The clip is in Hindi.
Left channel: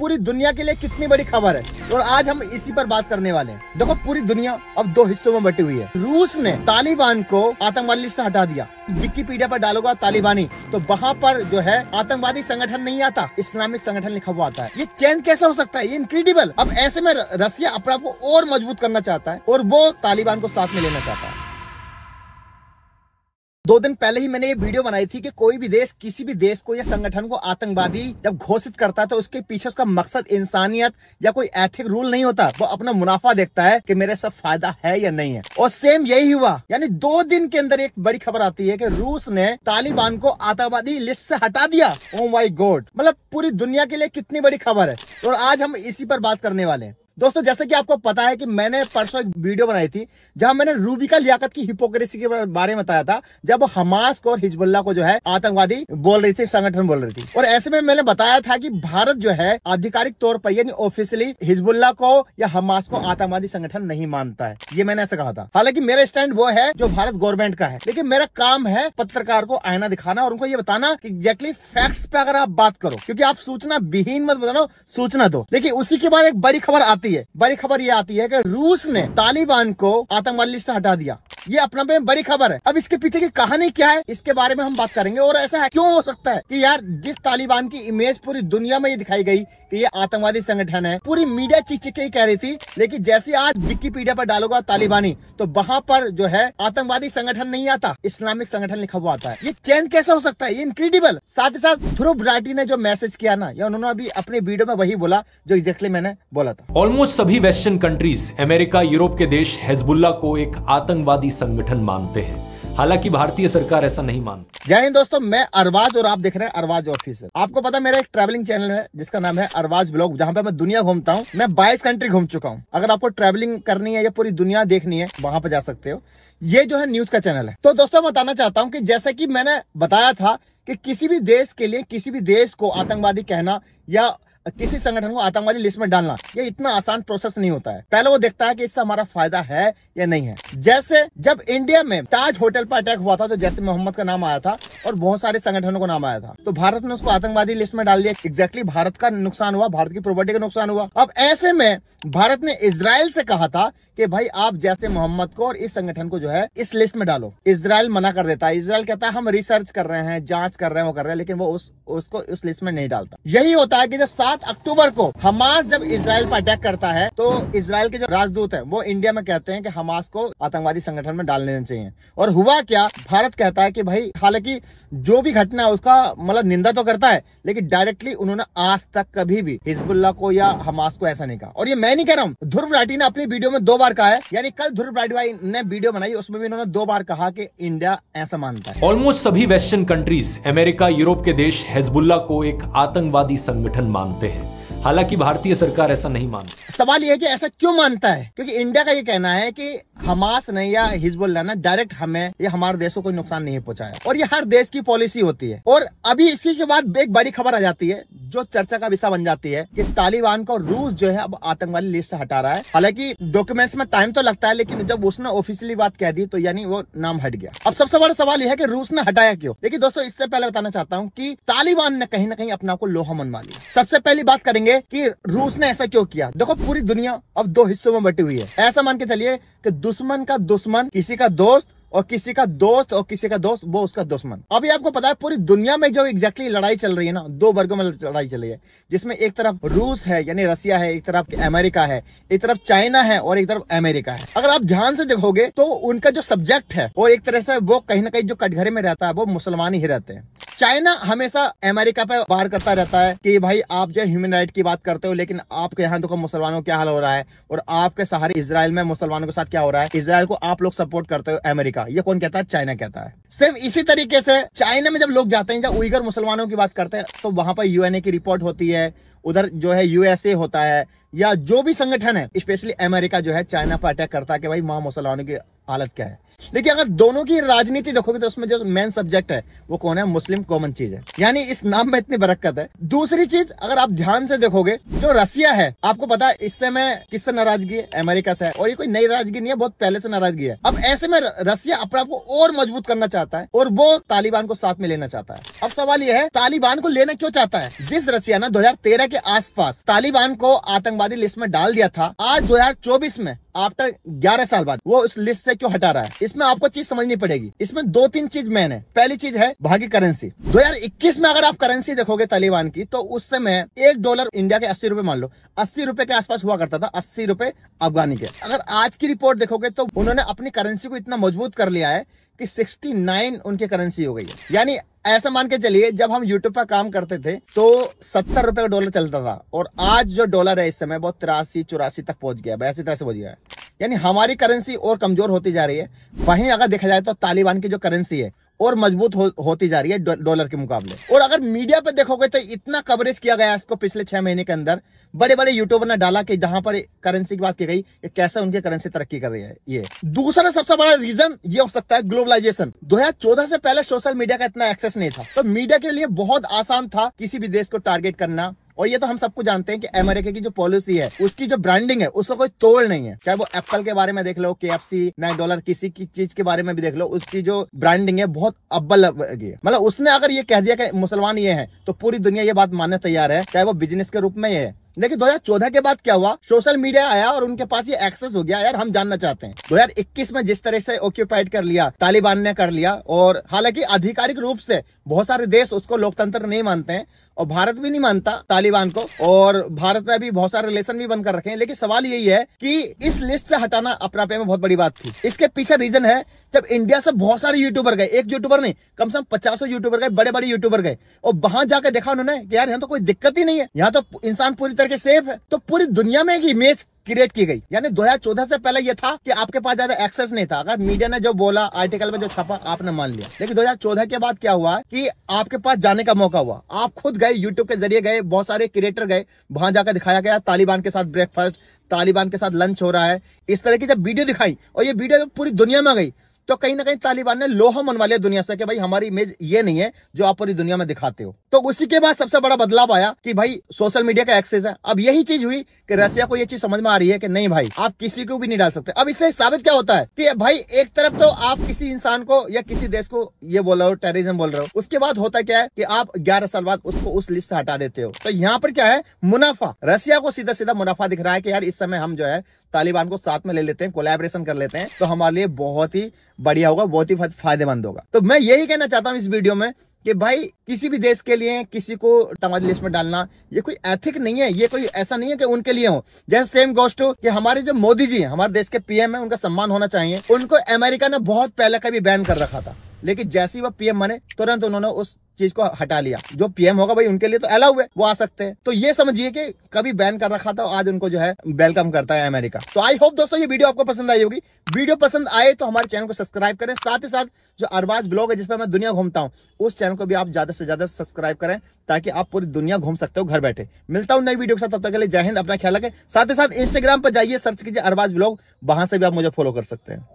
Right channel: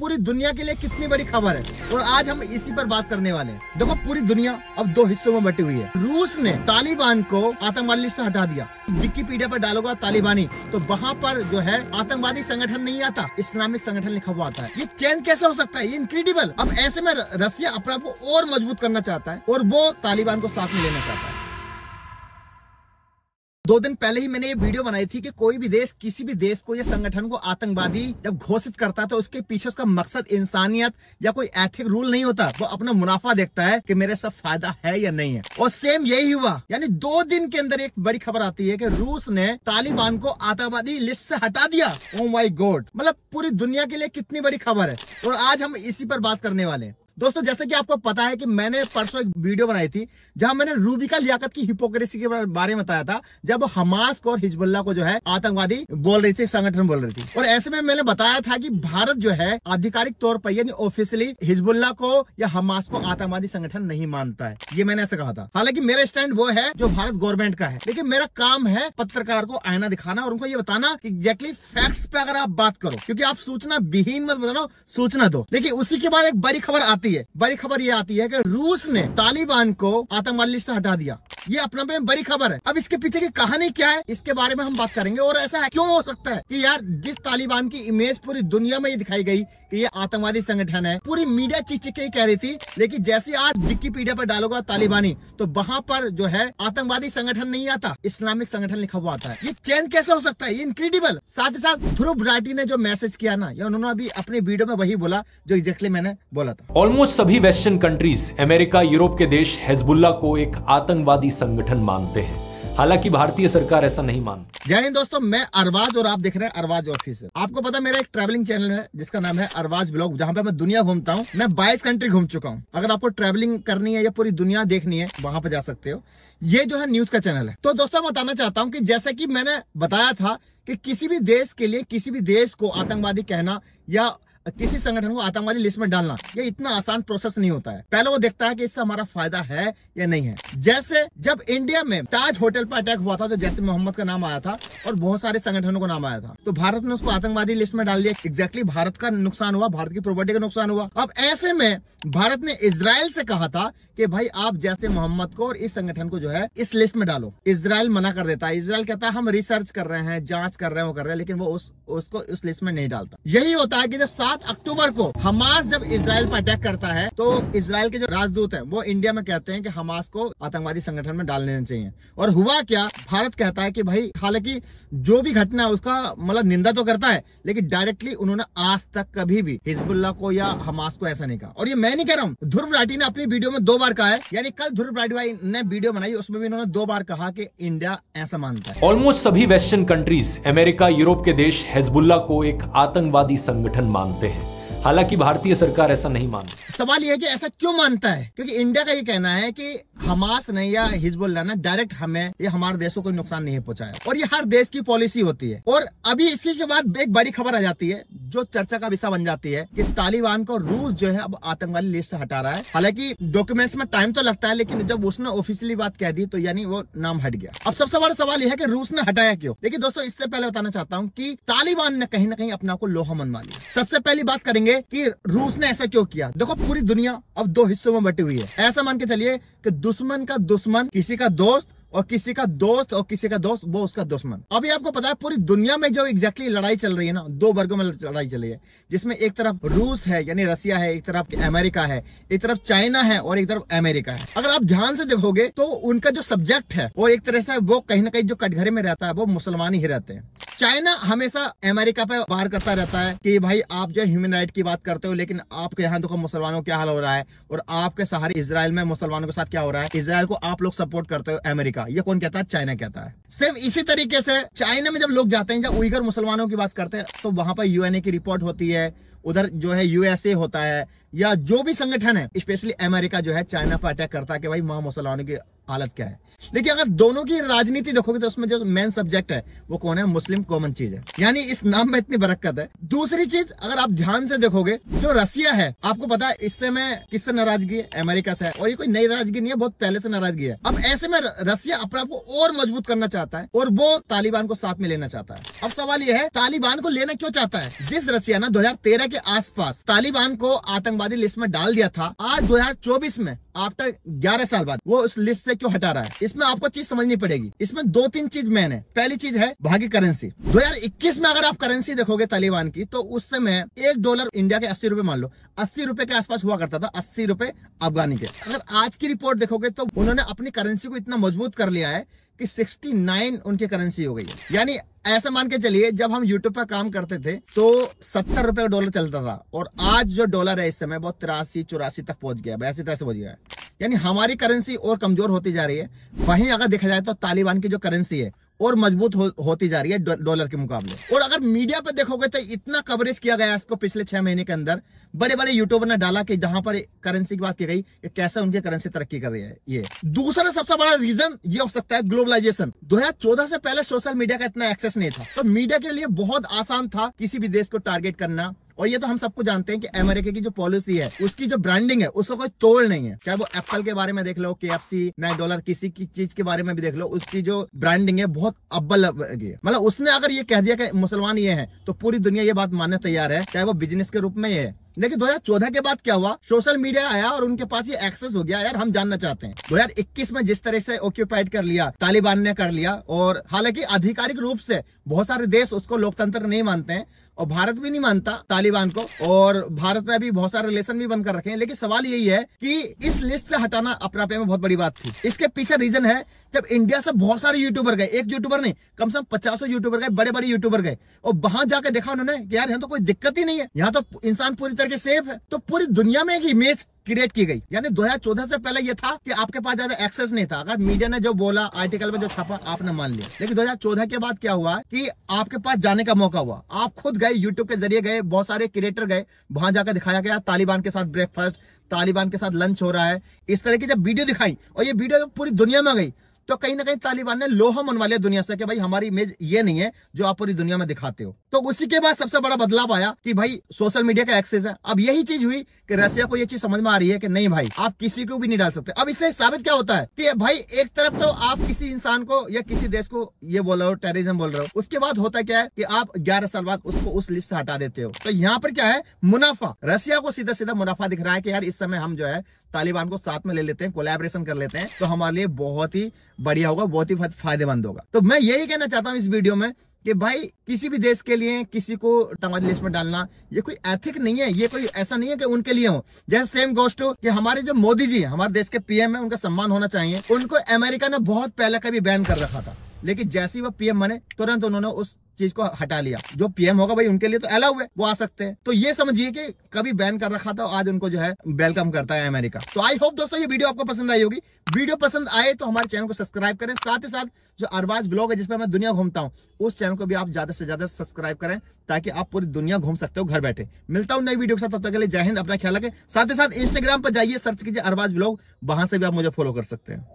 पूरी दुनिया के लिए कितनी बड़ी खबर है और आज हम इसी पर बात करने वाले हैं। देखो पूरी दुनिया अब दो हिस्सों में बटी हुई है। रूस ने तालिबान को आतंकवादी लिस्ट से हटा दिया। विकिपीडिया पर डालोगा तालिबानी तो वहाँ पर जो है आतंकवादी संगठन नहीं आता, इस्लामिक संगठन लिखा हुआ आता है। ये चेंज कैसे हो सकता है? ये इनक्रेडिबल। अब ऐसे में रसिया अपने आप को और मजबूत करना चाहता है और वो तालिबान को साथ में लेना चाहता है। 2 दिन पहले ही मैंने ये वीडियो बनाई थी कि कोई भी देश किसी भी देश को या संगठन को आतंकवादी जब घोषित करता है तो उसके पीछे उसका मकसद इंसानियत या कोई एथिक रूल नहीं होता। वो अपना मुनाफा देखता है कि मेरे सब फायदा है या नहीं है। और सेम यही हुआ, यानी 2 दिन के अंदर एक बड़ी खबर आती है कि रूस ने तालिबान को आतंकवादी लिस्ट से हटा दिया। ओ माय गॉड, मतलब पूरी दुनिया के लिए कितनी बड़ी खबर है और आज हम इसी पर बात करने वाले हैं। दोस्तों जैसे कि आपको पता है कि मैंने परसों एक वीडियो बनाई थी जहां मैंने रूबिका लियाकत की हिपोक्रेसी के बारे में बताया था, जब हमास को और हिजबुल्लाह को जो है आतंकवादी बोल रही थी, संगठन बोल रही थी। और ऐसे में मैंने बताया था कि भारत जो है आधिकारिक तौर पर यानी ऑफिशियली हिजबुल्लाह को या हमास को आतंकवादी संगठन नहीं मानता है। ये मैंने ऐसा कहा था। हालांकि मेरा स्टैंड वो है जो भारत गवर्नमेंट का है, लेकिन मेरा काम है पत्रकार को आईना दिखाना और उनको ये बताना कि एग्जैक्टली फैक्ट्स पे अगर आप बात करो, क्योंकि आप सूचना विहीन मत बताना, सूचना दो। लेकिन उसी के बाद एक बड़ी खबर आती है। बड़ी खबर ये आती है कि रूस ने तालिबान को आतंकवादी लिस्ट से हटा दिया। ये अपना में बड़ी खबर है। अब इसके पीछे की कहानी क्या है, इसके बारे में हम बात करेंगे। और ऐसा है क्यों हो सकता है कि यार जिस तालिबान की इमेज पूरी दुनिया में ये दिखाई गई कि ये आतंकवादी संगठन है, पूरी मीडिया चीख के ही कह रही थी, लेकिन जैसे आज विकिपीडिया पर डालोगा तालिबानी तो वहाँ पर जो है आतंकवादी संगठन नहीं आता, इस्लामिक संगठन लिखा हुआ आता है। ये चेंज कैसे हो सकता है? ये इनक्रेडिबल। साथ ही साथ ध्रुव राठी ने जो मैसेज किया ना, या उन्होंने अभी अपने वीडियो में वही बोला जो एग्जैक्टली मैंने बोला था। ऑलमोस्ट सभी वेस्टर्न कंट्रीज, अमेरिका, यूरोप के देश हिजबुल्लाह को एक आतंकवादी संगठन मानते हैं। हालांकि भारतीय सरकार ऐसा नहीं मानती। जय हिंद दोस्तों, मैं अरबाज और आप देख रहे हैं अरबाज ऑफिसर। आपको पता मेरा एक ट्रैवलिंग चैनल है जिसका नाम है अरबाज ब्लॉग, जहां पे मैं दुनिया घूमता हूं। मैं 22 कंट्री घूम चुका हूं। अगर आपको ट्रैवलिंग करनी है या पूरी दुनिया देखनी है, वहां पे जा सकते हो। ये जो है न्यूज का चैनल है। तो दोस्तों मैं बताना चाहता हूं कि जैसा कि मैंने बताया था कि किसी भी देश के लिए किसी भी देश को आतंकवादी कहना या किसी संगठन को आतंकवादी लिस्ट में डालना, ये इतना आसान प्रोसेस नहीं होता है। पहले वो देखता है कि इससे हमारा फायदा है या नहीं है। जैसे जब इंडिया में ताज होटल पर अटैक हुआ था तो जैसे मोहम्मद का नाम आया था और बहुत सारे संगठनों का नाम आया था, तो भारत ने उसको आतंकवादी लिस्ट में डाल दिया। एग्जैक्टली भारत का नुकसान हुआ, भारत की प्रॉपर्टी का नुकसान हुआ। अब ऐसे में भारत ने इजराइल से कहा था कि भाई आप जैसे मोहम्मद को और इस संगठन को जो है इस लिस्ट में डालो। इजराइल मना कर देता है। इजराइल कहता है हम रिसर्च कर रहे हैं, जांच कर रहे हैं, वो कर रहे हैं, लेकिन वो उसको उस लिस्ट में नहीं डालता। यही होता है कि जब 7 अक्टूबर को हमास जब इजराइल पर अटैक करता है तो इजराइल के जो राजदूत है वो इंडिया में कहते हैं कि हमास को आतंकवादी संगठन में डाल देना चाहिए। और हुआ क्या, भारत कहता है कि भाई हालांकि जो भी घटना है उसका मतलब निंदा तो करता है, लेकिन डायरेक्टली उन्होंने आज तक कभी भी हिजबुल्लाह को या हमास को ऐसा नहीं कहा। और ये मैं नहीं कह रहा हूँ, ध्रुव राठी ने अपनी वीडियो में 2 बार कहा है। यानी कल ध्रुव राठी भाई ने वीडियो बनाई, उसमें भी उन्होंने 2 बार कहा कि इंडिया ऐसा मानता है। ऑलमोस्ट सभी वेस्टर्न कंट्रीज, अमेरिका, यूरोप के देश हिजबुल्लाह को एक आतंकवादी संगठन मानते हैं। हालांकि भारतीय सरकार ऐसा नहीं मानती। सवाल यह है कि ऐसा क्यों मानता है? क्योंकि इंडिया का ये कहना है कि हमास ने या हिजबुल्लाह ने डायरेक्ट हमें या हमारे देश को कोई नुकसान नहीं पहुंचाया, और ये हर देश की पॉलिसी होती है। और अभी इसी के बाद एक बड़ी खबर आ जाती है जो चर्चा का विषय बन जाती है कि तालिबान को रूस जो है अब आतंकवादी लिस्ट से हटा रहा है। हालांकि डॉक्यूमेंट्स में टाइम तो लगता है, लेकिन जब उसने ऑफिशियली बात कह दी तो यानी वो नाम हट गया। अब सबसे बड़ा सवाल यह है कि रूस ने हटाया क्यों? लेकिन दोस्तों इससे पहले बताना चाहता हूँ कि तालिबान ने कहीं ना कहीं अपने आप को लोहा मनवा लिया। सबसे पहली बात करेंगे कि रूस ने ऐसा क्यों किया। देखो पूरी दुनिया अब 2 हिस्सों में बटी हुई है। ऐसा मान के चलिए कि दुश्मन का दुश्मन किसी का दोस्त, और किसी का दोस्त और किसी का दोस्त वो उसका दुश्मन। अभी आपको पता है पूरी दुनिया में जो एग्जैक्टली लड़ाई चल रही है ना, 2 वर्गों में लड़ाई चल रही है, जिसमें एक तरफ रूस है यानी रसिया है, एक तरफ अमेरिका है, एक तरफ चाइना है और एक तरफ अमेरिका है। अगर आप ध्यान से देखोगे तो उनका जो सब्जेक्ट है और एक तरह से वो कहीं ना कहीं जो कटघरे में रहता है वो मुसलमान ही रहते हैं। चाइना हमेशा अमेरिका पे वार करता रहता है कि भाई आप जो ह्यूमन राइट की बात करते हो, लेकिन आपके यहाँ देखो मुसलमानों को क्या हाल हो रहा है, और आपके सहारे इजराइल में मुसलमानों के साथ क्या हो रहा है। इजराइल को आप लोग सपोर्ट करते हो, अमेरिका। ये कौन कहता है? चाइना कहता है। सेम इसी तरीके से चाइना में जब लोग जाते हैं, जब उइगर मुसलमानों की बात करते हैं, तो वहां पर यूएनए की रिपोर्ट होती है, उधर जो है यूएसए होता है, या जो भी संगठन है, स्पेशली अमेरिका जो है चाइना पर अटैक करता है कि भाई वहां मुसलमानों की हालत क्या है। लेकिन अगर दोनों की राजनीति देखोगे तो उसमें जो मेन सब्जेक्ट है वो कौन है? मुस्लिम कॉमन चीज है। यानी इस नाम में इतनी बरकत है। दूसरी चीज अगर आप ध्यान से देखोगे, जो रसिया है, आपको पता है इससे में किससे नाराजगी है? अमेरिका से है। और ये कोई नई नाराजगी नहीं है, बहुत पहले से नाराजगी है। अब ऐसे में रसिया अपने आप को और मजबूत करना चाहता है और वो तालिबान को साथ में लेना चाहता है। अब सवाल यह है तालिबान को लेना क्यों चाहता है? जिस रसिया ने 2013 के आसपास तालिबान को आतंकवादी लिस्ट में डाल दिया था, आज 2024 में आफ्टर 11 साल बाद वो उस लिस्ट से क्यों हटा रहा है? इसमें आपको चीज समझनी पड़ेगी। इसमें 2-3 चीज मेन है। पहली चीज है वहां की करेंसी। 2021 में अगर आप करेंसी देखोगे तालिबान की, तो उस समय $1 इंडिया के 80 रुपए, मान लो 80 रुपए के आसपास हुआ करता था, 80 रुपए अफगानी के। अगर आज की रिपोर्ट देखोगे तो उन्होंने अपनी करेंसी को इतना मजबूत कर लिया है कि 69 उनकी करेंसी हो गई है। यानी ऐसा मान के चलिए, जब हम यूट्यूब पर काम करते थे तो 70 रुपए का डॉलर चलता था, और आज जो डॉलर है इस समय वो 83-84 तक पहुंच गया है, ऐसी तरह से पहुंच गया है। यानी हमारी करेंसी और कमजोर होती जा रही है। वहीं अगर देखा जाए तो तालिबान की जो करेंसी है और मजबूत होती जा रही है डॉलर के मुकाबले। और अगर मीडिया पे देखोगे तो इतना कवरेज किया गया इसको पिछले 6 महीने के अंदर, बड़े बड़े यूट्यूबर ने डाला कि जहां पर करेंसी की बात की गई कि कैसे उनकी करेंसी तरक्की कर रही है। ये दूसरा सबसे बड़ा रीजन ये हो सकता है ग्लोबलाइजेशन। 2014 से पहले सोशल मीडिया का इतना एक्सेस नहीं था, तो मीडिया के लिए बहुत आसान था किसी भी देश को टारगेट करना। और ये तो हम सबको जानते हैं कि अमेरिका की जो पॉलिसी है, उसकी जो ब्रांडिंग है, उसका कोई तोड़ नहीं है। चाहे वो एप्पल के बारे में देख लो, KFC, $9, किसी की चीज के बारे में भी देख लो, उसकी जो ब्रांडिंग है बहुत अव्वल है। मतलब उसने अगर ये कह दिया कि मुसलमान ये है, तो पूरी दुनिया ये बात मानने तैयार है, चाहे वो बिजनेस के रूप में ये है। लेकिन 2014 के बाद क्या हुआ? सोशल मीडिया आया और उनके पास ये एक्सेस हो गया। यार हम जानना चाहते हैं 2021 में जिस तरह से ऑक्यूपाइड कर लिया, तालिबान ने कर लिया, और हालांकि आधिकारिक रूप से बहुत सारे देश उसको लोकतंत्र नहीं मानते हैं, और भारत भी नहीं मानता तालिबान को, और भारत में भी बहुत सारे रिलेशन भी बंद कर रखे हैं। लेकिन सवाल यही है कि इस लिस्ट से हटाना अपने आप में बहुत बड़ी बात थी। इसके पीछे रीजन है, जब इंडिया से बहुत सारे यूट्यूबर गए, एक यूट्यूबर नहीं, कम से कम 50 यूट्यूबर गए, बड़े बड़े यूट्यूबर गए, और वहां जाकर देखा उन्होंने कि यार यहाँ तो कोई दिक्कत ही नहीं है, यहाँ तो इंसान पूरी तरह से सेफ है। तो पूरी दुनिया में एक इमेज क्रिएट की गई। यानी 2014 से पहले यह था कि आपके पास ज्यादा एक्सेस नहीं था, अगर मीडिया ने जो बोला, आर्टिकल में जो छपा, आपने मान लिया। लेकिन 2014 के बाद क्या हुआ कि आपके पास जाने का मौका हुआ, आप खुद गए, यूट्यूब के जरिए गए, बहुत सारे क्रिएटर गए, वहां जाकर दिखाया गया तालिबान के साथ ब्रेकफास्ट, तालिबान के साथ लंच हो रहा है, इस तरह की जब वीडियो दिखाई, और ये वीडियो पूरी दुनिया में गई, तो कहीं ना कहीं तालिबान ने लोहा मनवा लिया दुनिया से कि भाई हमारी इमेज ये नहीं है जो आप पूरी दुनिया में दिखाते हो। तो उसी के बाद सबसे बड़ा बदलाव आया कि भाई सोशल मीडिया का एक्सेस है। अब यही चीज हुई कि रसिया को ये चीज समझ में आ रही है कि नहीं भाई, आप किसी को भी नहीं डाल सकते। अब इससे साबित क्या होता है कि भाई एक तरफ तो आप किसी इंसान को या किसी देश को ये बोल रहे हो, टेररिज्म बोल रहे हो, उसके बाद होता क्या है कि आप 11 साल बाद उसको उस लिस्ट से हटा देते हो। तो यहाँ पर क्या है? मुनाफा। रसिया को सीधा सीधा मुनाफा दिख रहा है कि यार इस समय हम जो है तालिबान को साथ में ले लेते हैं, कोलैबोरेशन कर लेते हैं, तो हमारे लिए बहुत ही बढ़िया होगा, बहुत ही फायदेमंद होगा। तो मैं यही कहना चाहता हूँ इस वीडियो में कि भाई किसी भी देश के लिए किसी को आतंकवादी लिस्ट में डालना ये कोई एथिक नहीं है, ये कोई ऐसा नहीं है कि उनके लिए हो। जैसे सेम गोes टू कि हमारे जो मोदी जी हमारे देश के PM है, उनका सम्मान होना चाहिए। उनको अमेरिका ने बहुत पहले का भी बैन कर रखा था, लेकिन जैसे ही वो PM बने तुरंत उन्होंने उस चीज को हटा लिया। जो PM होगा भाई उनके लिए तो अलाउ है, वो आ सकते हैं। तो ये समझिए कि कभी बैन कर रखा था, आज उनको जो है वेलकम करता है अमेरिका। तो आई होप दोस्तों ये वीडियो आपको पसंद आई होगी। वीडियो पसंद आए तो हमारे चैनल को सब्सक्राइब करें, साथ ही साथ जो अरबाज ब्लॉग है जिसमें मैं दुनिया घूमता हूँ, उस चैनल को भी आप ज्यादा से ज्यादा सब्सक्राइब करें, ताकि आप पूरी दुनिया घूम सकते हो घर बैठे। मिलता हूँ नई वीडियो के साथ, तब तक के लिए जय हिंद, अपना ख्याल रखें। साथ ही साथ इंस्टाग्राम पर जाइए, सर्च कीजिए अरबाज ब्लॉग, वहां से भी आप मुझे फॉलो कर सकते हैं।